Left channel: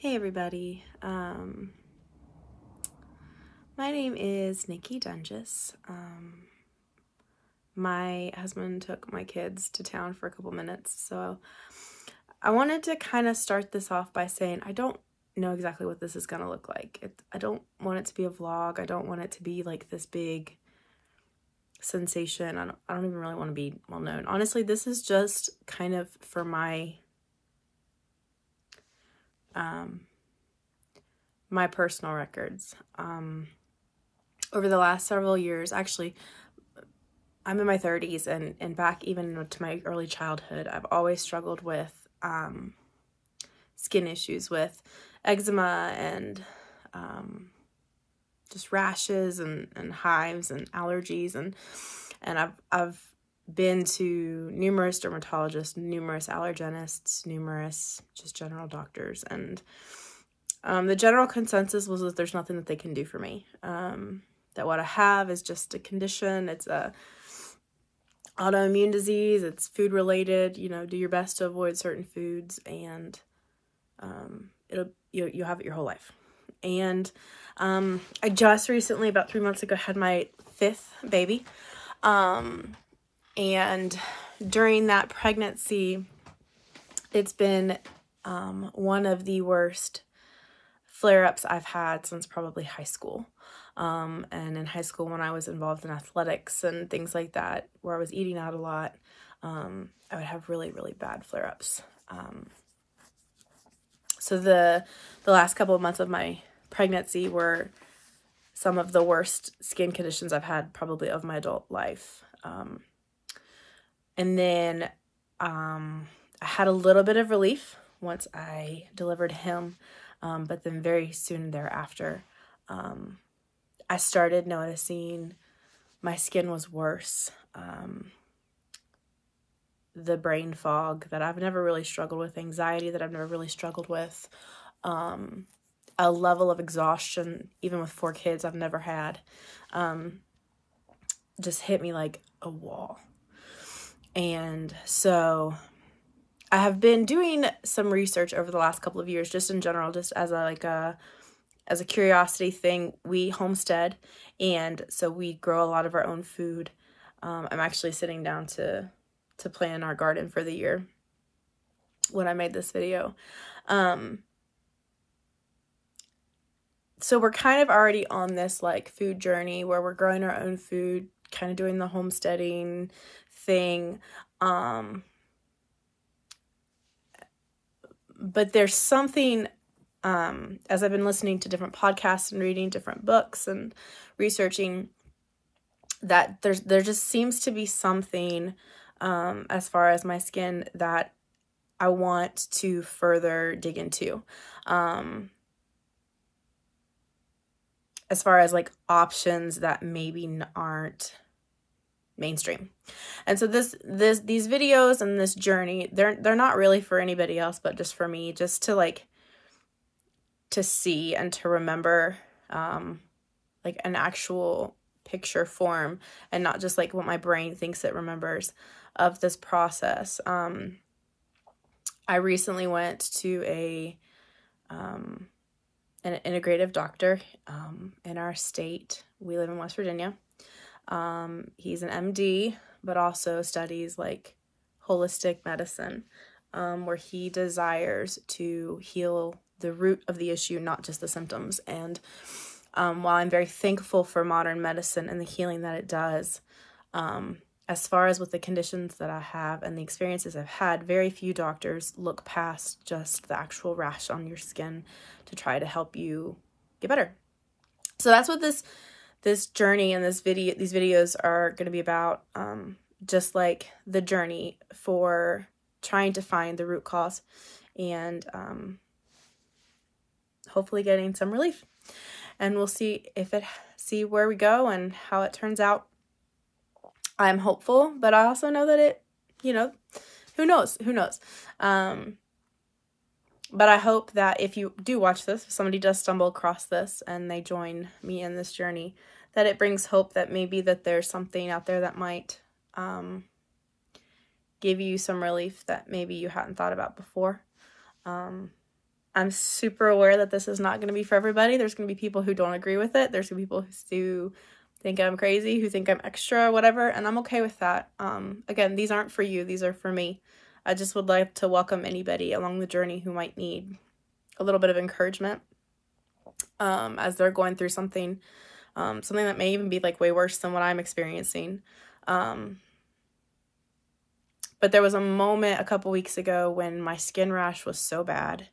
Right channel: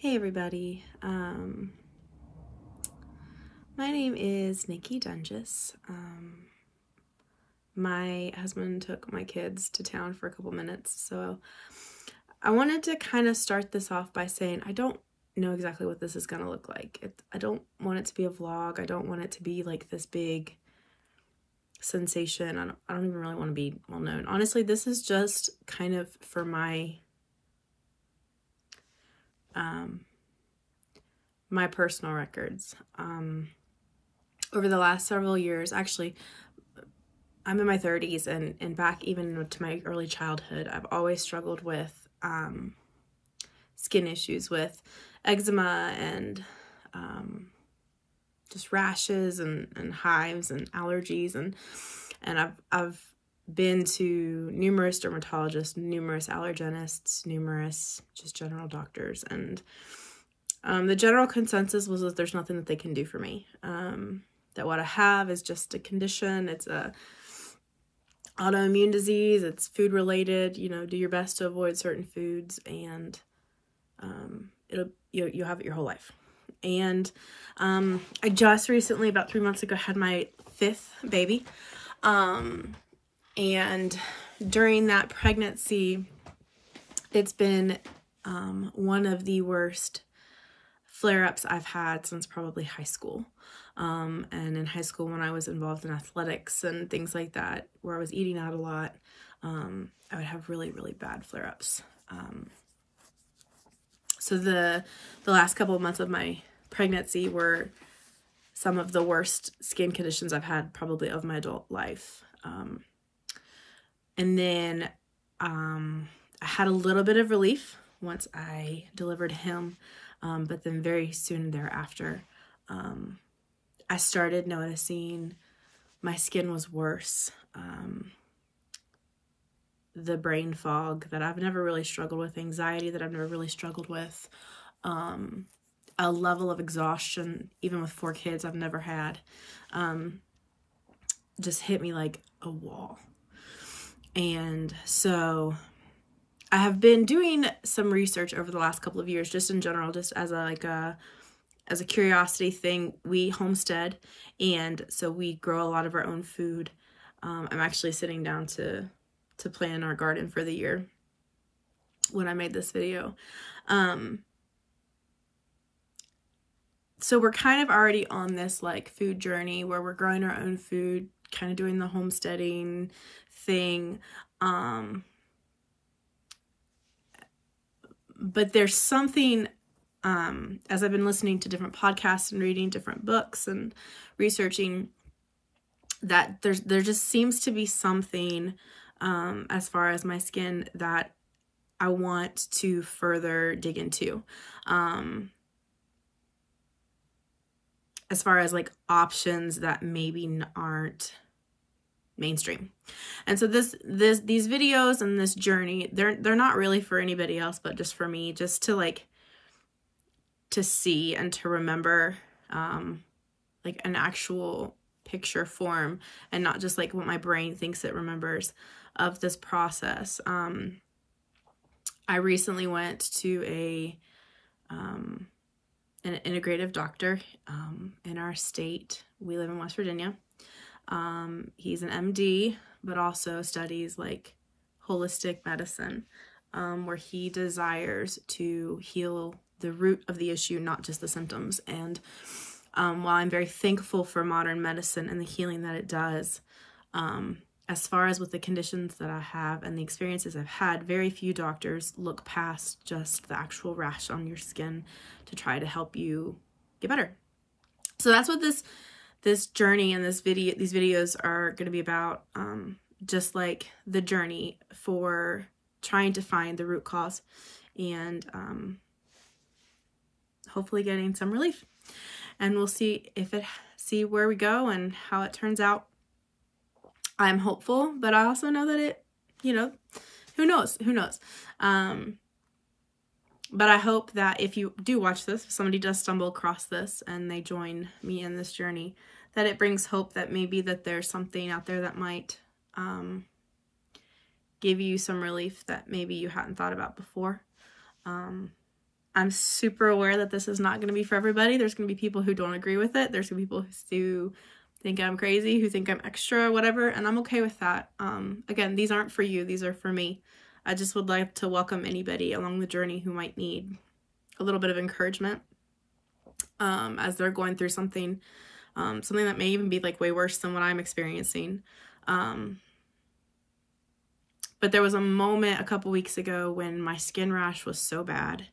Hey everybody, my name is Nikki Dunges. My husband took my kids to town for a couple minutes, so I wanted to kind of start this off by saying I don't know exactly what this is going to look like. I don't want it to be a vlog. I don't want it to be like this big sensation. I don't even really want to be well known. Honestly, this is just kind of for my personal records. Over the last several years, actually, I'm in my 30s, and back even to my early childhood, I've always struggled with skin issues, with eczema and just rashes and hives and allergies, and I've been to numerous dermatologists, numerous allergenists, numerous just general doctors, and the general consensus was that there's nothing that they can do for me. That what I have is just a condition. It's a autoimmune disease. It's food related. You know, do your best to avoid certain foods, and you'll have it your whole life. And I just recently, about 3 months ago, had my 5th baby. And during that pregnancy, it's been one of the worst flare-ups I've had since probably high school. And in high school, when I was involved in athletics and things like that, where I was eating out a lot, I would have really, really bad flare-ups. So the last couple of months of my pregnancy were some of the worst skin conditions I've had probably of my adult life. And then I had a little bit of relief once I delivered him, but then very soon thereafter, I started noticing my skin was worse. The brain fog that I've never really struggled with, anxiety that I've never really struggled with, a level of exhaustion, even with 4 kids, I've never had, just hit me like a wall. And so I have been doing some research over the last couple of years, just in general, just as a curiosity thing. We homestead, and so we grow a lot of our own food. I'm actually sitting down to plan our garden for the year when I made this video. So we're kind of already on this like food journey where we're growing our own food, kind of doing the homesteading thing. But there's something, as I've been listening to different podcasts and reading different books and researching, that there just seems to be something, as far as my skin, that I want to further dig into. As far as like options that maybe aren't mainstream. And so these videos and this journey, they're not really for anybody else, but just for me, just to like, to see and to remember, like an actual picture form, and not just like what my brain thinks it remembers of this process. I recently went to an integrative doctor, in our state. We live in West Virginia. He's an MD, but also studies like holistic medicine, where he desires to heal the root of the issue, not just the symptoms. And while I'm very thankful for modern medicine and the healing that it does, as far as with the conditions that I have and the experiences I've had, very few doctors look past just the actual rash on your skin to try to help you get better. So that's what this journey and these videos are going to be about, just like the journey for trying to find the root cause, and hopefully getting some relief. And we'll see where we go and how it turns out. I'm hopeful, but I also know that it, you know, who knows? But I hope that if you do watch this, if somebody does stumble across this and they join me in this journey, that it brings hope that maybe that there's something out there that might give you some relief that maybe you hadn't thought about before. I'm super aware that this is not going to be for everybody. There's going to be people who don't agree with it. There's going to be people who think I'm crazy, who think I'm extra, whatever, and I'm okay with that. Again, these aren't for you. These are for me. I just would like to welcome anybody along the journey who might need a little bit of encouragement as they're going through something that may even be like way worse than what I'm experiencing. But there was a moment a couple weeks ago when my skin rash was so bad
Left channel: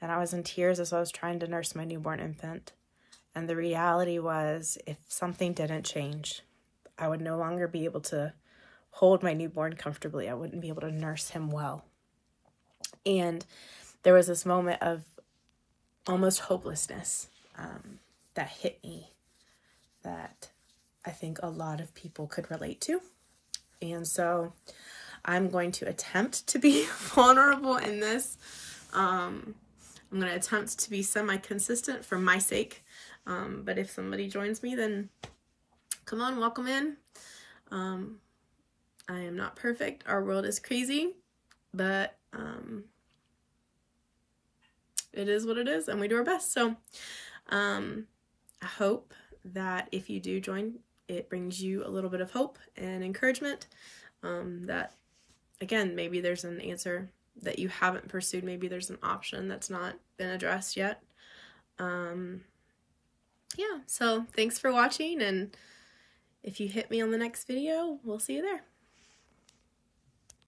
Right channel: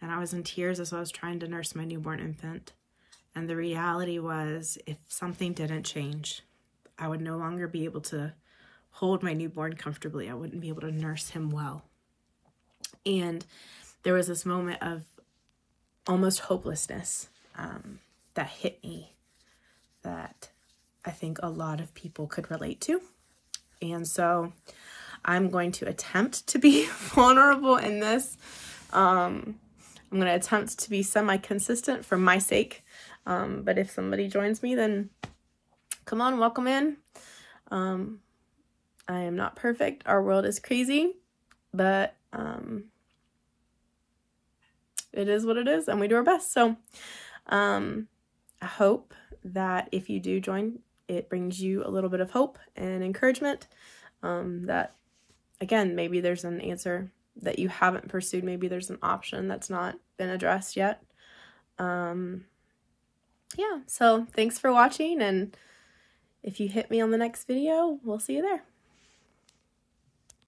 and I was in tears as I was trying to nurse my newborn infant. And the reality was, if something didn't change, I would no longer be able to hold my newborn comfortably. I wouldn't be able to nurse him well. And there was this moment of almost hopelessness that hit me that I think a lot of people could relate to. And so I'm going to attempt to be vulnerable in this. I'm going to attempt to be semi-consistent for my sake. But if somebody joins me, then come on, welcome in. I am not perfect. Our world is crazy, but it is what it is, and we do our best. So I hope that if you do join, it brings you a little bit of hope and encouragement, that, again, maybe there's an answer that you haven't pursued. Maybe there's an option that's not been addressed yet. Yeah, so thanks for watching, and if you hit me on the next video, we'll see you there.